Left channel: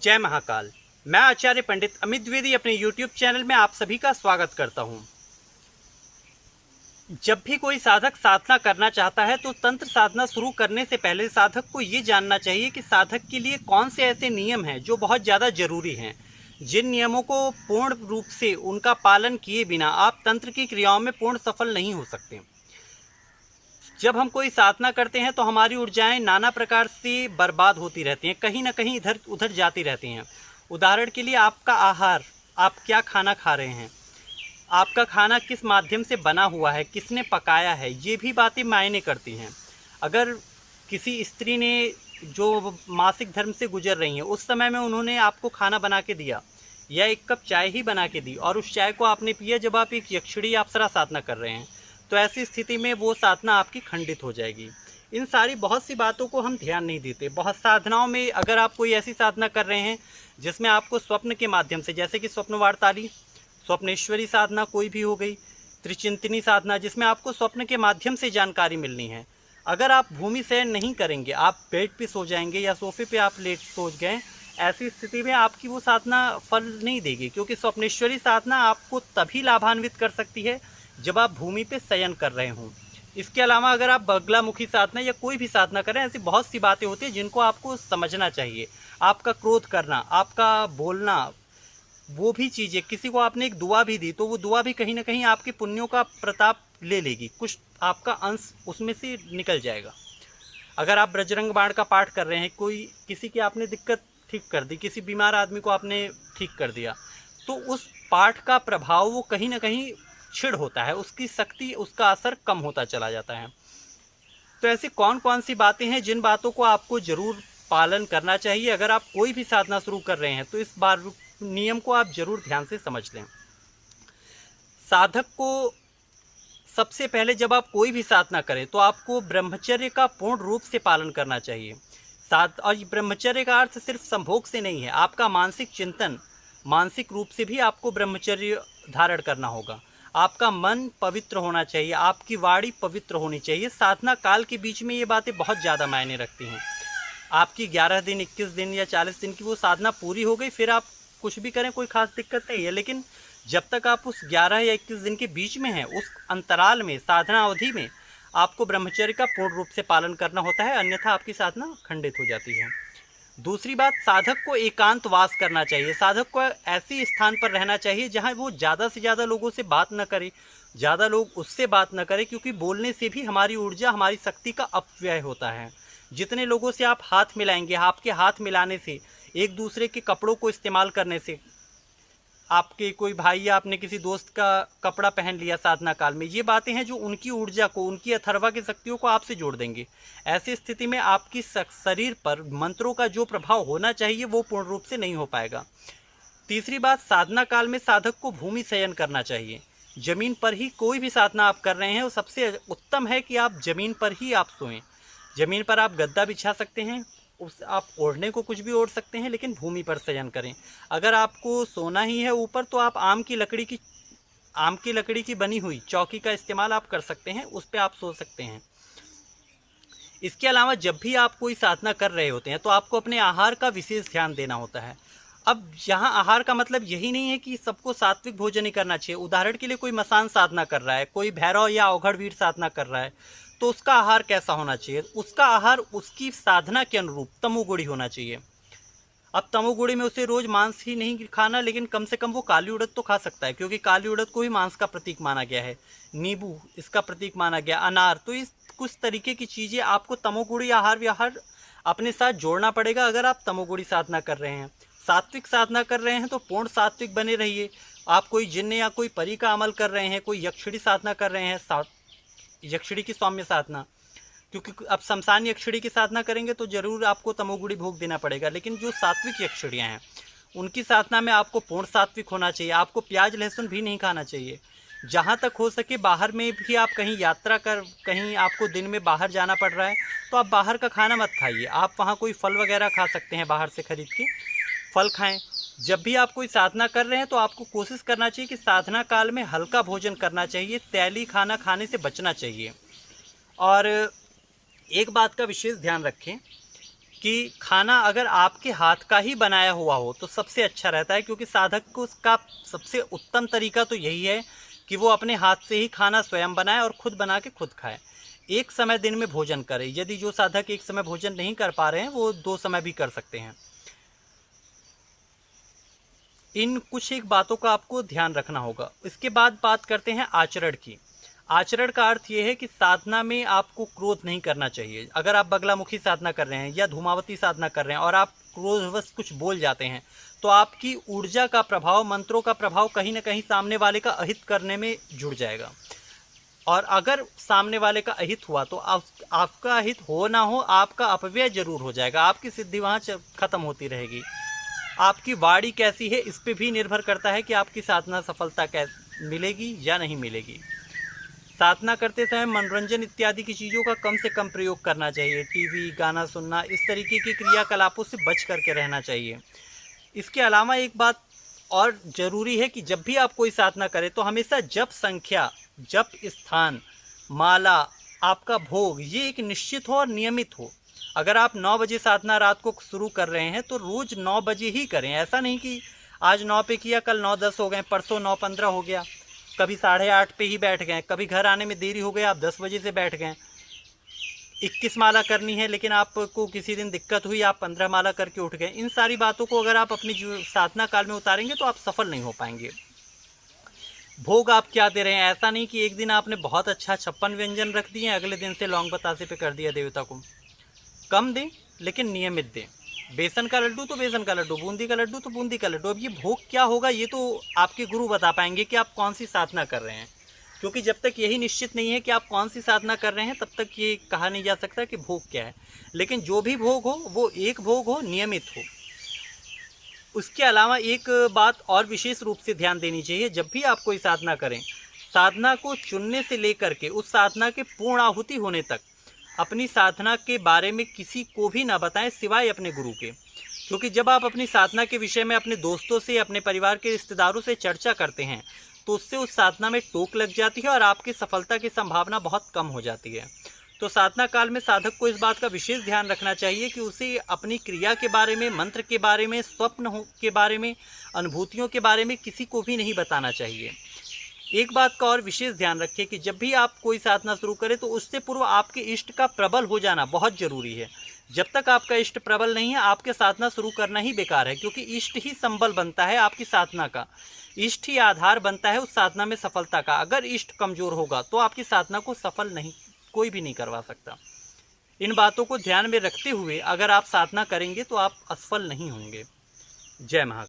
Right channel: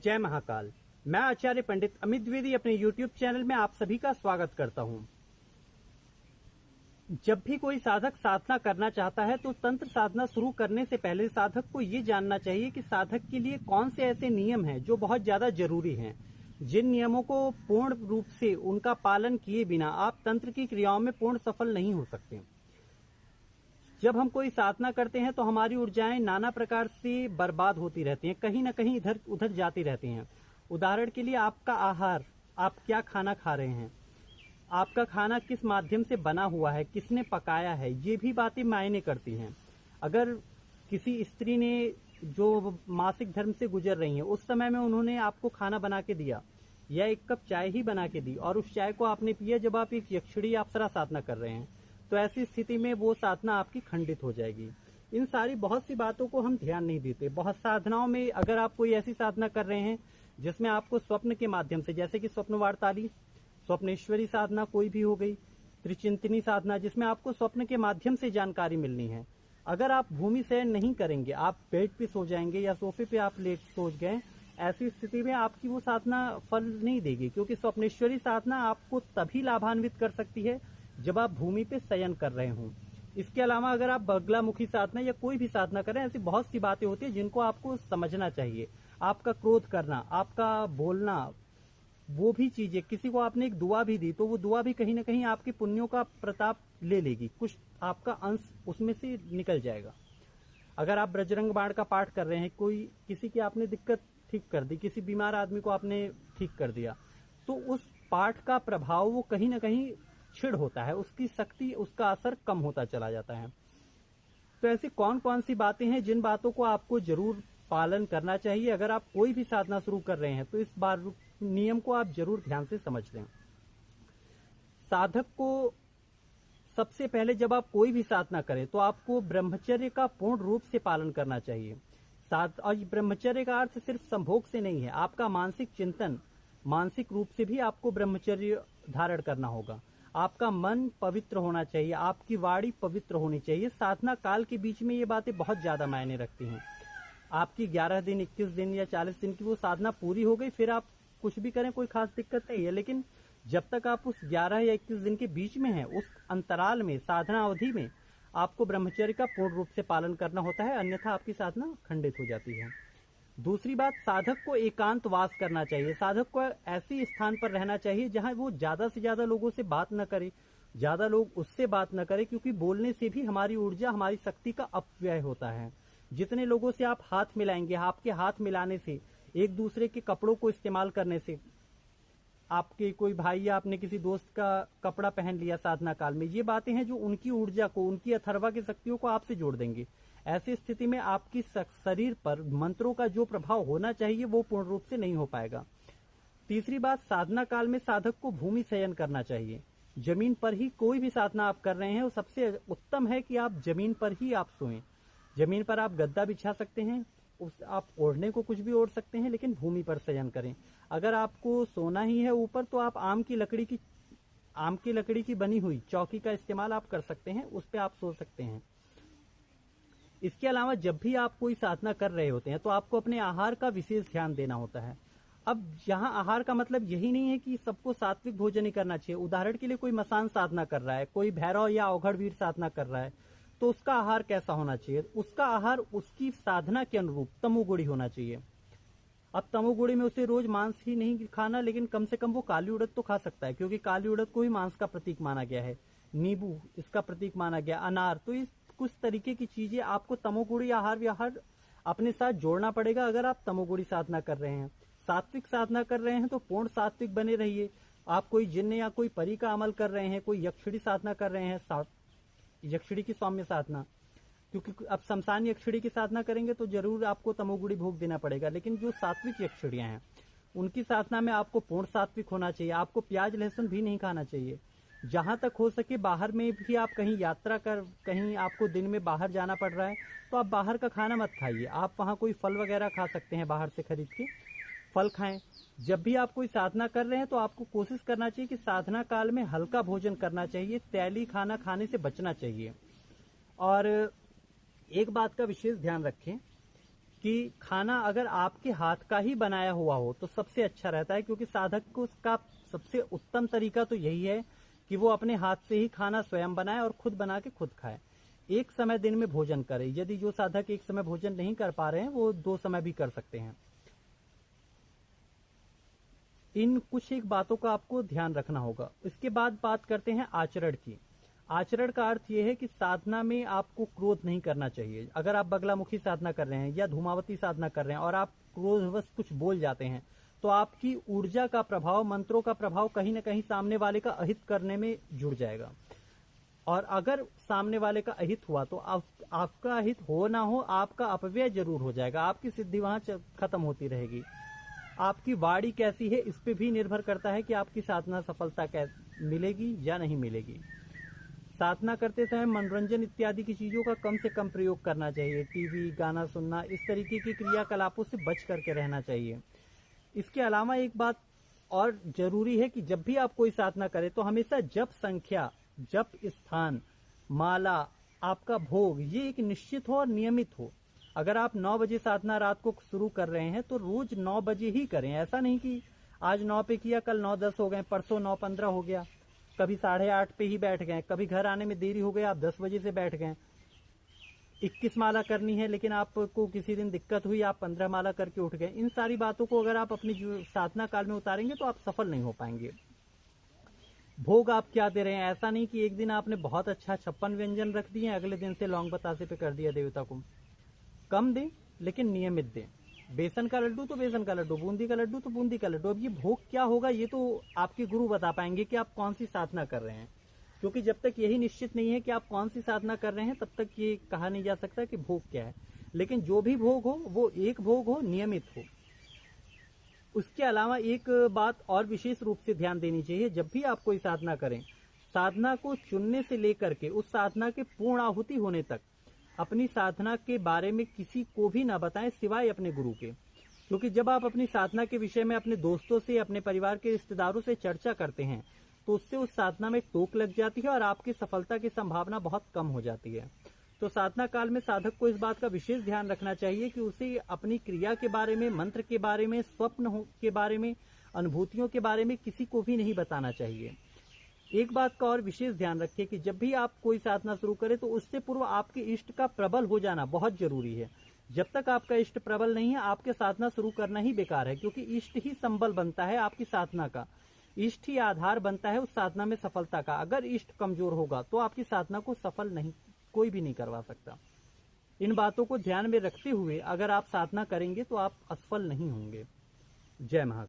जय महाकाल। मैं आचार्य पंडित अमित द्विवेदी अपने YouTube चैनल में आप सभी का स्वागत करता हूं। जब भी कोई साधक साधना करना चाहता है तो तंत्र साधना शुरू करने से पहले साधक को ये जानना चाहिए कि साधक के लिए कौन से ऐसे नियम हैं जो बहुत ज़्यादा जरूरी हैं, जिन नियमों को पूर्ण रूप से उनका पालन किए बिना आप तंत्र की क्रियाओं में पूर्ण सफल नहीं हो सकते। जब हम कोई साधना करते हैं तो हमारी ऊर्जाएं नाना प्रकार से बर्बाद होती रहती हैं, कहीं ना कहीं इधर उधर जाती रहती हैं। उदाहरण के लिए आपका आहार, आप क्या खाना खा रहे हैं, आपका खाना किस माध्यम से बना हुआ है, किसने पकाया है, ये भी बातें मायने करती हैं। अगर किसी स्त्री ने जो मासिक धर्म से गुजर रही हैं उस समय में उन्होंने आपको खाना बना के दिया या एक कप चाय ही बना के दी और उस चाय को आपने पिया जब आप एक यक्षिणी अप्सरा साधना कर रहे हैं, तो ऐसी स्थिति में वो साधना आपकी खंडित हो जाएगी। इन सारी बहुत सी बातों को हम ध्यान नहीं देते। बहुत साधनाओं में अगर आप कोई ऐसी साधना कर रहे हैं जिसमें आपको स्वप्न के माध्यम से, जैसे कि स्वप्न वार्ताली, स्वप्नेश्वरी साधना कोई भी हो गई, त्रिचिंतनी साधना जिसमें आपको स्वप्न के माध्यम से जानकारी मिलनी है, अगर आप भूमि शयन नहीं करेंगे, आप बेड पे सो जाएंगे या सोफे पे आप लेट सो गए, ऐसी स्थिति में आपकी वो साधना फल नहीं देगी। क्योंकि स्वप्नेश्वरी साधना आपको तभी लाभान्वित कर सकती है जब आप भूमि पे शयन कर रहे हों। इसके अलावा अगर आप बगलामुखी साधना या कोई भी साधना करें, ऐसी बहुत सी बातें होती हैं जिनको आपको समझना चाहिए। आपका क्रोध करना, आपका बोलना, वो भी चीज़ें, किसी को आपने एक दुआ भी दी तो वो दुआ भी कहीं ना कहीं आपके पुण्यों का प्रताप ले लेगी, कुछ आपका अंश उसमें से निकल जाएगा। अगर आप बजरंग बाण का पाठ कर रहे हैं, कोई किसी की आपने दिक्कत ठीक कर दी, किसी बीमार आदमी को आपने ठीक कर दिया, तो उस पाठ का प्रभाव वो कहीं ना कहीं छिड़ होता है, उसकी शक्ति, उसका असर कम होता चला जाता है। तो ऐसी कौन कौन सी बातें हैं जिन बातों को आपको जरूर पालन करना चाहिए। अगर आप कोई भी साधना शुरू कर रहे हैं तो इस बार नियम को आप जरूर ध्यान से समझ लें। साधक को सबसे पहले जब आप कोई भी साधना करें तो आपको ब्रह्मचर्य का पूर्ण रूप से पालन करना चाहिए। और ब्रह्मचर्य का अर्थ सिर्फ संभोग से नहीं है, आपका मानसिक चिंतन, मानसिक रूप से भी आपको ब्रह्मचर्य धारण करना होगा। आपका मन पवित्र होना चाहिए, आपकी वाणी पवित्र होनी चाहिए। साधना काल के बीच में ये बातें बहुत ज़्यादा मायने रखती हैं। आपकी 11 दिन, 21 दिन या 40 दिन की वो साधना पूरी हो गई, फिर आप कुछ भी करें कोई खास दिक्कत नहीं है, लेकिन जब तक आप उस 11 या 21 दिन के बीच में हैं, उस अंतराल में, साधना अवधि में आपको ब्रह्मचर्य का पूर्ण रूप से पालन करना होता है, अन्यथा आपकी साधना खंडित हो जाती है। दूसरी बात, साधक को एकांतवास करना चाहिए। साधक को ऐसे स्थान पर रहना चाहिए जहां वो ज़्यादा से ज़्यादा लोगों से बात न करे, ज़्यादा लोग उससे बात न करें, क्योंकि बोलने से भी हमारी ऊर्जा, हमारी शक्ति का अपव्यय होता है। जितने लोगों से आप हाथ मिलाएंगे, आपके हाथ मिलाने से, एक दूसरे के कपड़ों को इस्तेमाल करने से, आपके कोई भाई या आपने किसी दोस्त का कपड़ा पहन लिया साधना काल में, ये बातें हैं जो उनकी ऊर्जा को, उनकी अथर्वा की शक्तियों को आपसे जोड़ देंगे। ऐसी स्थिति में आपकी शरीर पर मंत्रों का जो प्रभाव होना चाहिए वो पूर्ण रूप से नहीं हो पाएगा। तीसरी बात, साधना काल में साधक को भूमि शयन करना चाहिए। जमीन पर ही कोई भी साधना आप कर रहे हैं, वो सबसे उत्तम है कि आप जमीन पर ही आप सोएं। जमीन पर आप गद्दा बिछा सकते हैं, उस आप ओढ़ने को कुछ भी ओढ़ सकते हैं, लेकिन भूमि पर शयन करें। अगर आपको सोना ही है ऊपर, तो आप आम की लकड़ी की बनी हुई चौकी का इस्तेमाल आप कर सकते हैं, उस पर आप सो सकते हैं। इसके अलावा जब भी आप कोई साधना कर रहे होते हैं तो आपको अपने आहार का विशेष ध्यान देना होता है। अब यहाँ आहार का मतलब यही नहीं है कि सबको सात्विक भोजन ही करना चाहिए। उदाहरण के लिए कोई मसान साधना कर रहा है, कोई भैरव या अवघड़वीर साधना कर रहा है, तो उसका आहार कैसा होना चाहिए? उसका आहार उसकी साधना के अनुरूप तमोगुणी होना चाहिए। अब तमोगुणी में उसे रोज मांस ही नहीं खाना, लेकिन कम से कम वो काली उड़द तो खा सकता है, क्योंकि काली उड़द को भी मांस का प्रतीक माना गया है। नींबू इसका प्रतीक माना गया, अनार। तो इस कुछ तरीके की चीज़ें आपको तमोगुणी आहार विहार अपने साथ जोड़ना पड़ेगा अगर आप तमोगुणी साधना कर रहे हैं। सात्विक साधना कर रहे हैं तो पूर्ण सात्विक बने रहिए। आप कोई जिन्न या कोई परी का अमल कर रहे हैं, कोई यक्षिणी साधना कर रहे हैं, यक्षिणी की सौम्य साधना, क्योंकि अब शमशान यक्षिणी की साधना करेंगे तो जरूर आपको तमोगुणी भोग देना पड़ेगा। लेकिन जो सात्विक यक्षिणियाँ हैं उनकी साधना में आपको पूर्ण सात्विक होना चाहिए। आपको प्याज लहसुन भी नहीं खाना चाहिए। जहाँ तक हो सके बाहर में भी, आप कहीं यात्रा कर, कहीं आपको दिन में बाहर जाना पड़ रहा है तो आप बाहर का खाना मत खाइए। आप वहाँ कोई फल वगैरह खा सकते हैं, बाहर से खरीद के फल खाएं। जब भी आप कोई साधना कर रहे हैं तो आपको कोशिश करना चाहिए कि साधना काल में हल्का भोजन करना चाहिए, तैली खाना खाने से बचना चाहिए। और एक बात का विशेष ध्यान रखें, कि खाना अगर आपके हाथ का ही बनाया हुआ हो तो सबसे अच्छा रहता है, क्योंकि साधक को उसका सबसे उत्तम तरीका तो यही है कि वो अपने हाथ से ही खाना स्वयं बनाए और खुद बना के खुद खाए। एक समय दिन में भोजन करे। यदि जो साधक एक समय भोजन नहीं कर पा रहे हैं वो 2 समय भी कर सकते हैं। इन कुछ एक बातों का आपको ध्यान रखना होगा। इसके बाद बात करते हैं आचरण की। आचरण का अर्थ ये है कि साधना में आपको क्रोध नहीं करना चाहिए। अगर आप बगलामुखी साधना कर रहे हैं या धूमावती साधना कर रहे हैं और आप क्रोधवश कुछ बोल जाते हैं, तो आपकी ऊर्जा का प्रभाव, मंत्रों का प्रभाव कहीं ना कहीं सामने वाले का अहित करने में जुड़ जाएगा। और अगर सामने वाले का अहित हुआ तो आपका अहित हो ना हो, आपका अपव्यय जरूर हो जाएगा। आपकी सिद्धि वहाँ खत्म होती रहेगी। आपकी वाणी कैसी है इस पे भी निर्भर करता है कि आपकी साधना सफलता मिलेगी या नहीं मिलेगी। साधना करते समय मनोरंजन इत्यादि की चीज़ों का कम से कम प्रयोग करना चाहिए। टीवी, गाना सुनना, इस तरीके की क्रियाकलापों से बच करके रहना चाहिए। इसके अलावा एक बात और ज़रूरी है कि जब भी आप कोई साधना करें तो हमेशा जप संख्या, जप स्थान, माला, आपका भोग ये एक निश्चित हो और नियमित हो। अगर आप 9 बजे साधना रात को शुरू कर रहे हैं तो रोज़ 9 बजे ही करें। ऐसा नहीं कि आज 9 पे किया, कल 9:10 हो गए, परसों 9:15 हो गया, कभी 8:30 पे ही बैठ गए, कभी घर आने में देरी हो गई, आप 10 बजे से बैठ गए। 21 माला करनी है लेकिन आपको किसी दिन दिक्कत हुई, आप 15 माला करके उठ गए। इन सारी बातों को अगर आप अपनी साधना काल में उतारेंगे तो आप सफल नहीं हो पाएंगे। भोग आप क्या दे रहे हैं? ऐसा नहीं कि एक दिन आपने बहुत अच्छा 56 व्यंजन रख दिए, अगले दिन से लौंग बतासे पे कर दिया देवता को। कम दें लेकिन नियमित दें। बेसन का लड्डू तो बेसन का लड्डू, बूंदी का लड्डू तो बूंदी का लड्डू। अब ये भोग क्या होगा ये तो आपके गुरु बता पाएंगे कि आप कौन सी साधना कर रहे हैं, क्योंकि जब तक यही निश्चित नहीं है कि आप कौन सी साधना कर रहे हैं तब तक ये कहा नहीं जा सकता कि भोग क्या है। लेकिन जो भी भोग हो वो एक भोग हो, नियमित हो। उसके अलावा एक बात और विशेष रूप से ध्यान देनी चाहिए, जब भी आप कोई साधना करें, साधना को चुनने से लेकर के उस साधना के पूर्ण आहुति होने तक अपनी साधना के बारे में किसी को भी ना बताएं सिवाय अपने गुरु के। क्योंकि जब आप अपनी साधना के विषय में अपने दोस्तों से, अपने परिवार के रिश्तेदारों से चर्चा करते हैं तो उससे उस साधना में टोक लग जाती है और आपकी सफलता की संभावना बहुत कम हो जाती है। तो साधना काल में साधक को इस बात का विशेष ध्यान रखना चाहिए कि उसे अपनी क्रिया के बारे में, मंत्र के बारे में, स्वप्न के बारे में, अनुभूतियों के बारे में किसी को भी नहीं बताना चाहिए। एक बात का और विशेष ध्यान रखें कि जब भी आप कोई साधना शुरू करें तो उससे पूर्व आपके इष्ट का प्रबल हो जाना बहुत जरूरी है। जब तक आपका इष्ट प्रबल नहीं है आपके साधना शुरू करना ही बेकार है, क्योंकि इष्ट ही संबल बनता है आपकी साधना का, इष्ट ही आधार बनता है उस साधना में सफलता का। अगर इष्ट कमजोर होगा तो आपकी साधना को सफल नहीं, कोई भी नहीं करवा सकता। इन बातों को ध्यान में रखते हुए अगर आप साधना करेंगे तो आप असफल नहीं होंगे। जय महाकाल।